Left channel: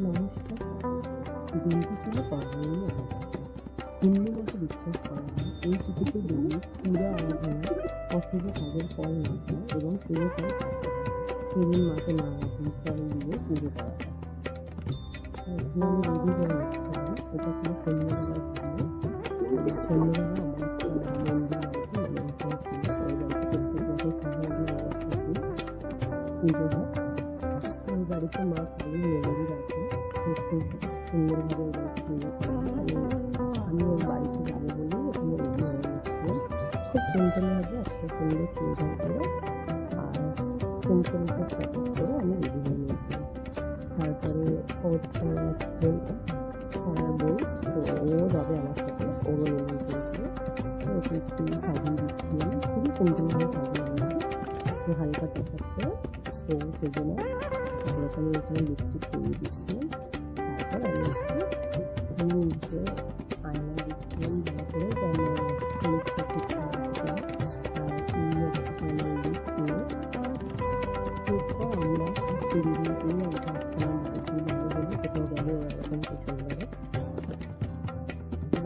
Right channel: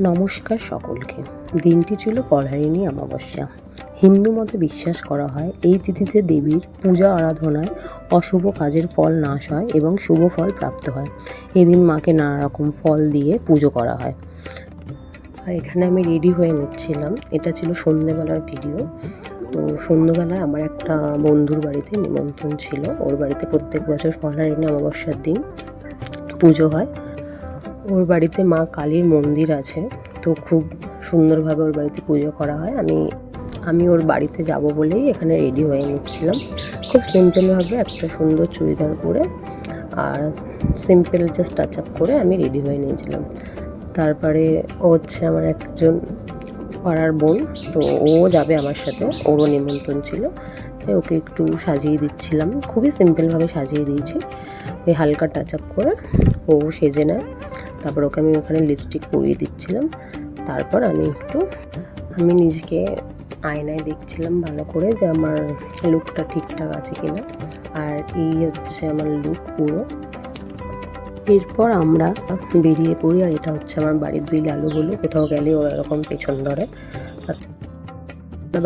নমস্কার সকলকে। দিনটি ছিল পলায়নী অমাবস্যা। হিন্দু মতে বিশ্বাস করা হয় এই তিথিতে দেবীর পূজা আরাধনায় অশুভ কাজের ফল নাশ হয় এবং শুভ ফল প্রাপ্ত হয়। এদিন মাকে নানা রকম ফল দিয়ে পুজো করা হয়। আর এখানে আমি রেডি হয়ে নিচ্ছিলাম। এটা ছিল সন্ধ্যেবেলার ভিডিও। তো সন্ধ্যেবেলায় আমার একটা বন্ধুর বাড়িতে নিমন্ত্রণ ছিল। ওর বাড়িতে প্রত্যেক বছর পলায়নী অমাবস্যার দিন পুজো হয়। ওর বাড়িতে মা কালীর মন্দির আছে, তো খুব সুন্দরভাবে ওর বাড়িতে পুজো করা হয়। আমি ওর বাড়িতে যাব বলেই এখানে রেডি হয়ে নিচ্ছিলাম। খুব সিম্পলভাবে একটা সুন্দর চুড়িদার পরে আর সিম্পল জাস্ট টাচ আপ করে আমি রেডি হয়ে নিয়েছিলাম। তারপরে ও হচ্ছে আমার একজন পাড়ার বোন, তো ও যাবে আমার সাথে, ওরও নিমন্ত্রণ ছিল, তাই ওকে একটু সাজিয়ে দিচ্ছিলাম। খুবই সিম্পলভাবে সাজিয়ে দিয়েছি, এই হালকা টাচ আপ করে ও সেজে নেয়। তারপর ওকে আমি ওখানে লিপস্টিক পরিয়ে দিচ্ছিলাম। তারপর আমি নিজেকে আয়নায় দেখছিলাম ভালো করে যে আমার লুকটা ঠিকঠাক আছে কিনা। আর এই হচ্ছে আমার লুক পুরো। এরপর আমরা বেরিয়ে পড়ি, আর এটা হচ্ছে আমার বাড়ির দুই লালুগুলো। কোথাও গেলে ওরা এরকম পেছন ধরে।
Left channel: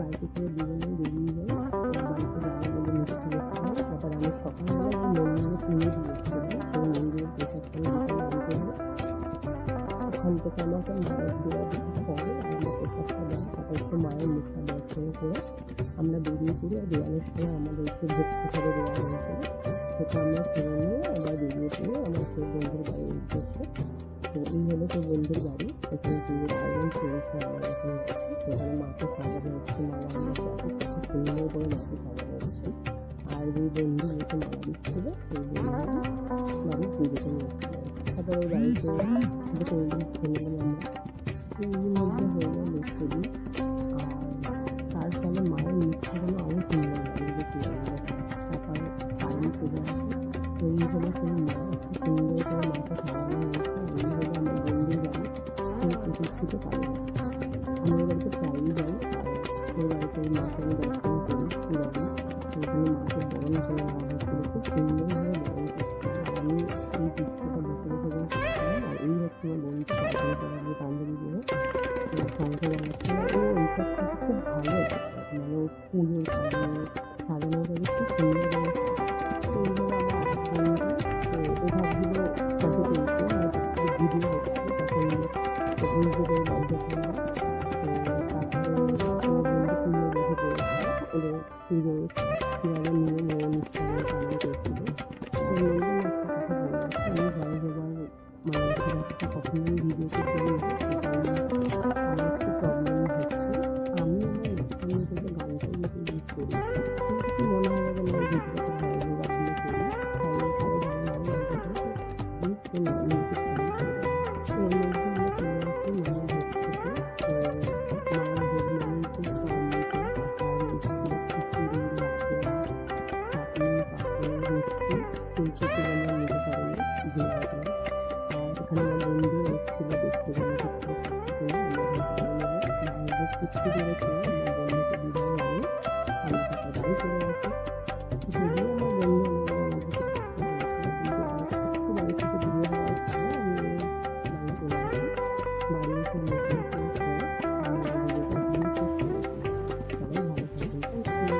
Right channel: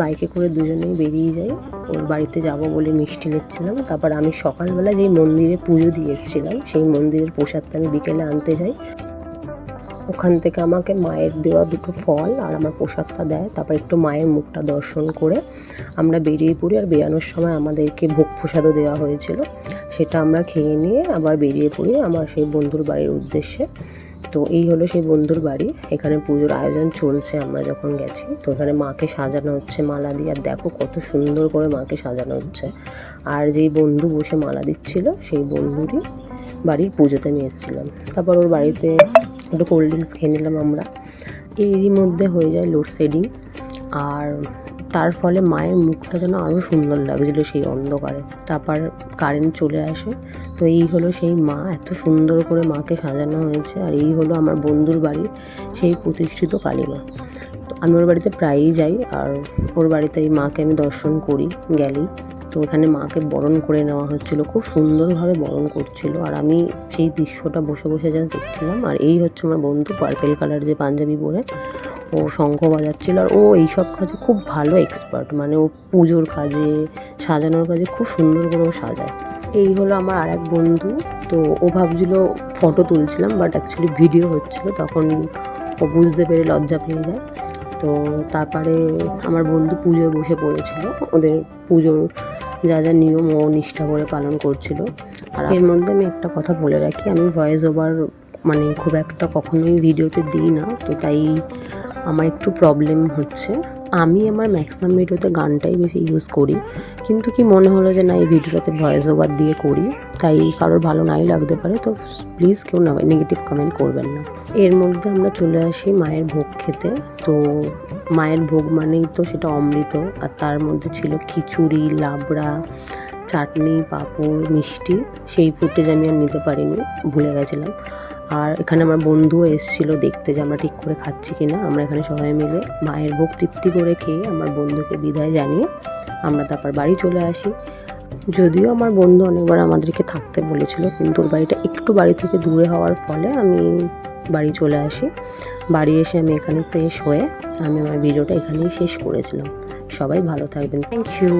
বাইকে করে দুজনেই বেরিয়ে যাই। ওর বাড়িতে যাব বলে মিষ্টি নিচ্ছিলাম। তারপর আমি সকালবেলা যেই মন্দিরে পুজো দিয়ে এসেছিলাম সেই মন্দিরের প্রসাদটা আমি বিকেলে আনতে যাই। ওখান থেকে আমাকে মায়ের দেওয়া দুটো ফল আর আমার প্রসাদটা দেয়। তারপর একটু মায়ের মুখটা দর্শন করে আমরা বেরিয়ে পড়ি। আর বেরানোর সময় আমাদেরকে ভোগ প্রসাদও দেওয়া হয়েছিল, সেটা আমরা খেয়ে নিয়ে আবার বেরিয়ে পড়ি আমার সেই বন্ধুর বাড়ির উদ্দেশ্যে। তো এই হলো সেই বন্ধুর বাড়ি। এখানে পুজোর আয়োজন চলছে আমরা যখন গেছি। তো এখানে মাকে সাজানো হচ্ছে মালা দিয়ে। আর দেখো কত সুন্দর করে মাকে সাজানো হচ্ছে। আর যেই বন্ধু বসে মালা দিচ্ছিল সেই বন্ধুরই বাড়ির পুজোতে নিয়ে এসেছিলাম। তারপর ওর বাড়িতে একটু কোল্ড ড্রিঙ্কস খেয়ে নিলাম আমরা। এরই মধ্যে হয়ে যায় লোডশেডিং, আর তার ফলে মায়ের মুখটা যেন আরও সুন্দর লাগছিলো সেই অন্ধকারে। তারপর কারেন্ট চলে আসে। তো এই হলো সেই মা, এত সুন্দর করে মাকে সাজানো হয়েছে। আর এই হলো আমার বন্ধুর বাড়ি, সেই প্রতিষ্ঠিত কালী মা। আমি ওর বাড়িতে প্রায়ই যাই, আর ওর বাড়িতে এই মাকে আমি দর্শন করি গেলেই। তো ওখানে মাকে বরণ করে নেওয়া হচ্ছিলো, খুব সুন্দরভাবে বরণ করছিল। আর আমি সেই দৃশ্যটা বসে বসে জাস্ট দেখছিলাম। আর এই হচ্ছে আমার বন্ধু, পার্পেল কালার যে পাঞ্জাবি পরে ও শঙ্খ বাজাচ্ছিল। আর ও এইসব কাজে খুব ভালো এক্সপার্ট, মানে ও পুজোর কাজে, সাজানোর কাজে খুব সুন্দর করে ও সাজায়। এই হলো আমার আর এক বন্ধু। তো ও ভাবছিল ফটো তুলছিলাম, বাট অ্যাকচুয়ালি ভিডিও হচ্ছিল। তখন ও বুঝতে পেরে লজ্জা পেয়ে যায়। তো তারপরে আমার বন্ধু পুজোয় বসে পড়েছিল। ওদের পুজোর যা যা নিয়ম ও নিষ্ঠা করে পালন করছিল। আর এর মধ্যে আমি একটা কথা বলে রাখি, আমি ভয়েস ওভার মানে খুব একটা কখনোই ভিডিওতে দিই না। তো তাই আমার একটু প্রবলেম হচ্ছে। আমি আমার ম্যাক্সিমাম ভিডিওতে গানটাই বেশি ইউজ করি, কিন্তু কি মনে হলো যে না, এই ভিডিওটাতে ভয়েস ওভার দিয়ে করি। তাই কারোর ভালো নাই লাগতে পারে, তো প্লিজ কেউ না নেগেটিভ কমেন্ট করবেন না। এর মধ্যে আমরা চলে আসি মায়ের ভোগ খেতে। তো মায়ের ভোগ মানেই তো সেটা অমৃত। আর তার মধ্যে ছিল খিচুড়ি, লাবড়া, চাটনি, পাঁপড়, মিষ্টি। সেই ফুটেজ আমি আর নিতে পারিনি, ভুলে গেছিলাম। আর এখানে আমার বন্ধুও এসেছিলো দেখতে যে আমরা ঠিক করে খাচ্ছি কিনা। আমরা এখানে সবাই মিলে মায়ের ভোগ তৃপ্তি করে খেয়ে আমার বন্ধুকে বিদায় জানিয়ে আমরা তারপর বাড়ি চলে আসি। যদিও আমার বন্ধু অনেকবার আমাদেরকে থাকতে বলেছিল, কিন্তু ওর বাড়িটা একটু বাড়ি থেকে দূরে হওয়ার ফলে আমি বাড়ি চলে আসি। বাড়ি এসে আমি এখানে ফ্রেশ হয়ে আমি আমার ভিডিওটা এখানেই শেষ করেছিলাম। সবাই ভালো থাকবেন। Thank you.